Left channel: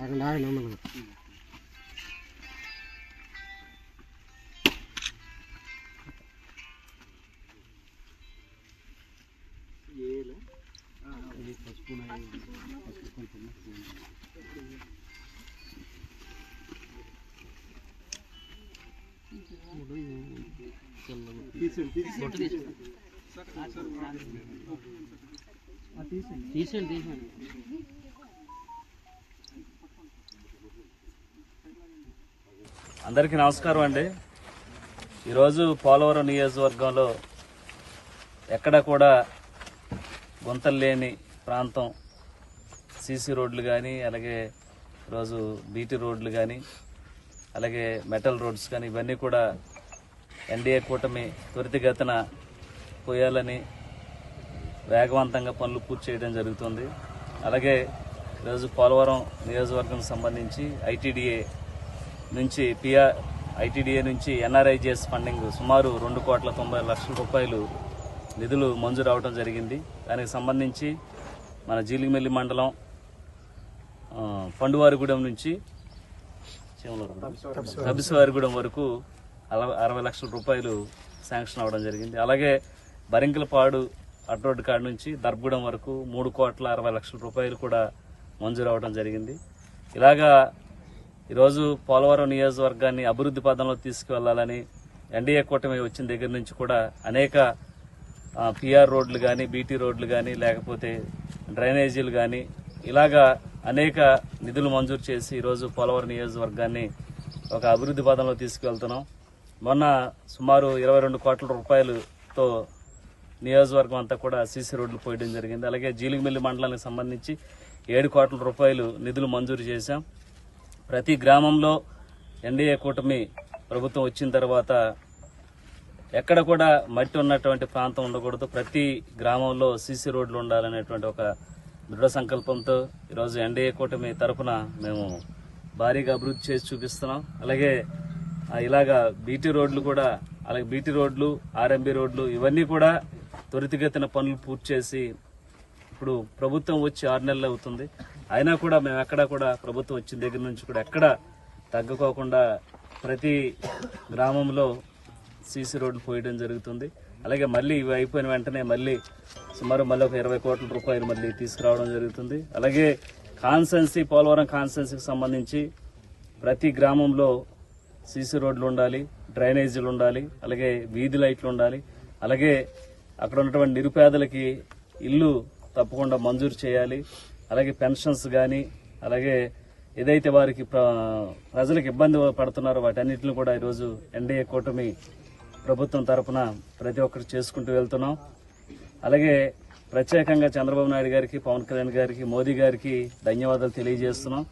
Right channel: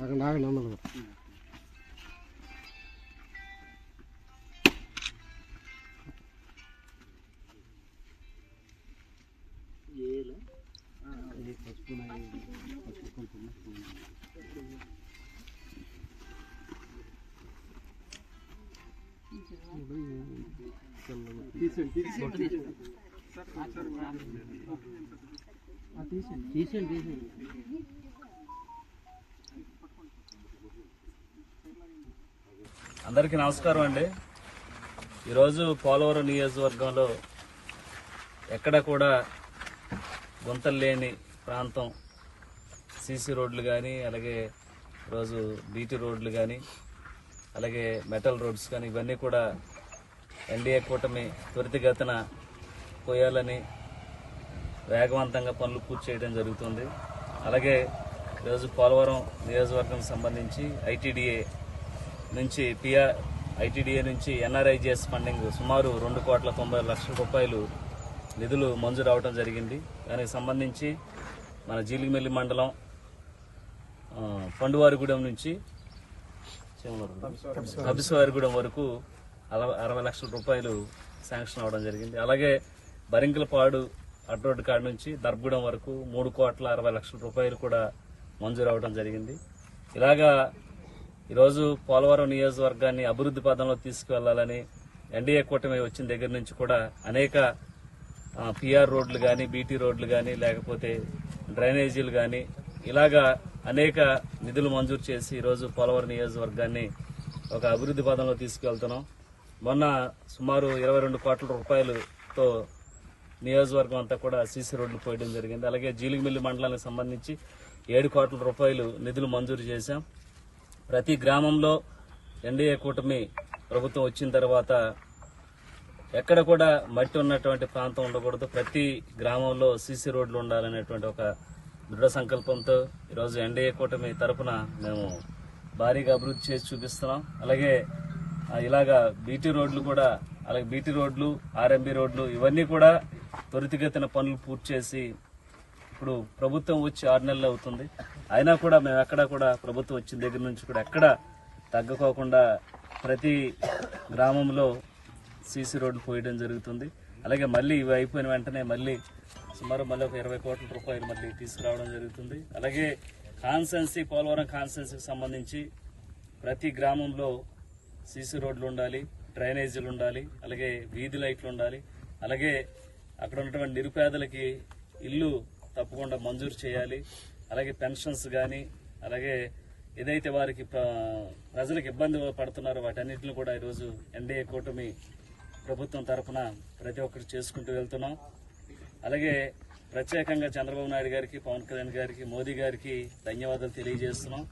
అందరికీ నమస్కారం అండి. ఈరోజు పోలవరం నియోజకవర్గంలో ఎక్కడ కూడా గుంతలు లేని ప్రాంతం, సీసీ రోడ్లు కానీ, అలాగే ఈరోజు బీటీ రోడ్లు కానీ, అలాగే మెటల్ రోడ్స్ కానీ ఇవన్నీ కూడా ఎన్డీఏ కూటమి త్వరితగతిన పోయాలని వేగవంతంగా పనులు పూర్తి చేయడం జరుగుతుంది. అలాగే ఈరోజు పోలవరం నియోజకవర్గం సంబంధించి ఐటీడీఏ నుంచి ఎన్ఆర్ఐజిఎస్ ఫండింగ్ సుమారు 2,90,00,000 రూపాయలు నిధులు మంజూరు అవడం జరిగింది. దానికి సంబంధించి మన జీలిగిమెల్లి మండలం పండువారిగూడెం నుంచి కబిసవారిగూడెం వరకు 60 లక్షల రూపాయలు శాంక్షన్ అవ్వడం జరిగింది. అలాగే బరింకలపాడు అడ్రోడ్ కాడ నుంచి దర్బగూడెం వరకు 3,60,00,000 రూపాయలు కూడా మంజూరు అవడం జరిగింది. ఇలాగా ఈరోజు పోలవరం నియోజకవర్గాన్ని అభివృద్ధి పదంలో తీసుకువెళ్లాలని ఎన్డీఏ కూటమి వచ్చిన దగ్గర నుంచి కూడా అనేక పిఆర్ రోడ్లు కానీ, బీటీ రోడ్లు కానీ, లేకపోతే డ్రైనేజీలు కానీ ఇలాగా అనేక నిధులు మంజూరు చేసి ఈరోజు పోలవరం నియోజకవర్గాన్ని ఒక అభివృద్ధి పదంలో తీసుకువెళ్తున్నాం. మొన్న సుమారు 22 కోట్ల రూపాయలతో నియోజకవర్గం అంతా కూడా సీసీ రోడ్లు పోయడం జరిగింది. అలాగే జీలిగిమెల్లి మండలానికి సంబంధించి 7 కోట్ల రూపాయలు నిధులు మంజూరు చేశాం. ప్రతి గ్రామంలో ఎన్డీఏ కూటమి ప్రభుత్వం వచ్చిన తర్వాత ఎక్కడ కూడా మట్టి ఉన్నటువంటి ప్రాంతం ఉండకూడదు, ప్రతి గ్రామంలో సీసీ రోడ్లు ఉండాలనేటువంటి ఒక దృఢ సంకల్పంతో ఈరోజు ఎన్డీఏ కూటమి తరఫున మేము భారీగా అభివృద్ధి చేసి చూపిస్తున్నాం. అలాగే ఇలాగా బీటీ రోడ్లు కూడా, అలాగే బీటీ రోడ్లు, ఆర్ఎంబీ రోడ్లు ఇవన్నీ కూడా త్వరితగతిన పనులు పూర్తి చేసి ఇప్పుడు ప్రభుత్వం వచ్చి 6 నెలలు అవుతుంది. అయినా కూడా మేము ఎక్కడా కూడా ప్రభుత్వం వచ్చిన దగ్గర నుంచి కూడా ఎక్కడ తగ్గకోకుండా ప్రతి గ్రామంలో సీసీ రోడ్లు పోయడం జరుగుతుంది. అలాగే మళ్ళీ ఇవి అయిపోయిన వెంటనే మళ్ళీ సుమారు ఒక 20 కోట్ల రూపాయలు మళ్ళీ తీసుకురావడం జరుగుతుంది. అలాగే పోలవరం కాన్స్టెన్సీకి సంబంధించి ప్రతి గ్రామంలో సీసీ రోడ్లు ఉండాలి, డ్రైనేజీలు ఉండాలి, అలాగే వీధి లైట్లు ఉండాలి, అలాగే అక్కడ ఉన్నటువంటి నిరుపేదలకి ఇల్లు తప్పకుండా మంజూరు చేయాలి, అలాగే పెన్షన్స్ కానీ, అలాగే ఏదైతే వారికి ప్రజలకు ఇబ్బంది పడుతున్నారో వాటన్నిటిని కూడా ఈరోజు ఎన్డీఏ కూటమి ప్రభుత్వం తరఫున ప్రతి ఒక్కరు చేసుకుంటూ వెళ్తున్నాం. అలాగే ప్రత్యేకంగా చంద్రబాబు నాయుడు గారికి, పవన్ కళ్యాణ్ గారికి, మోదీ గారికి ధన్యవాదాలు తెలియజేస్తున్నాం.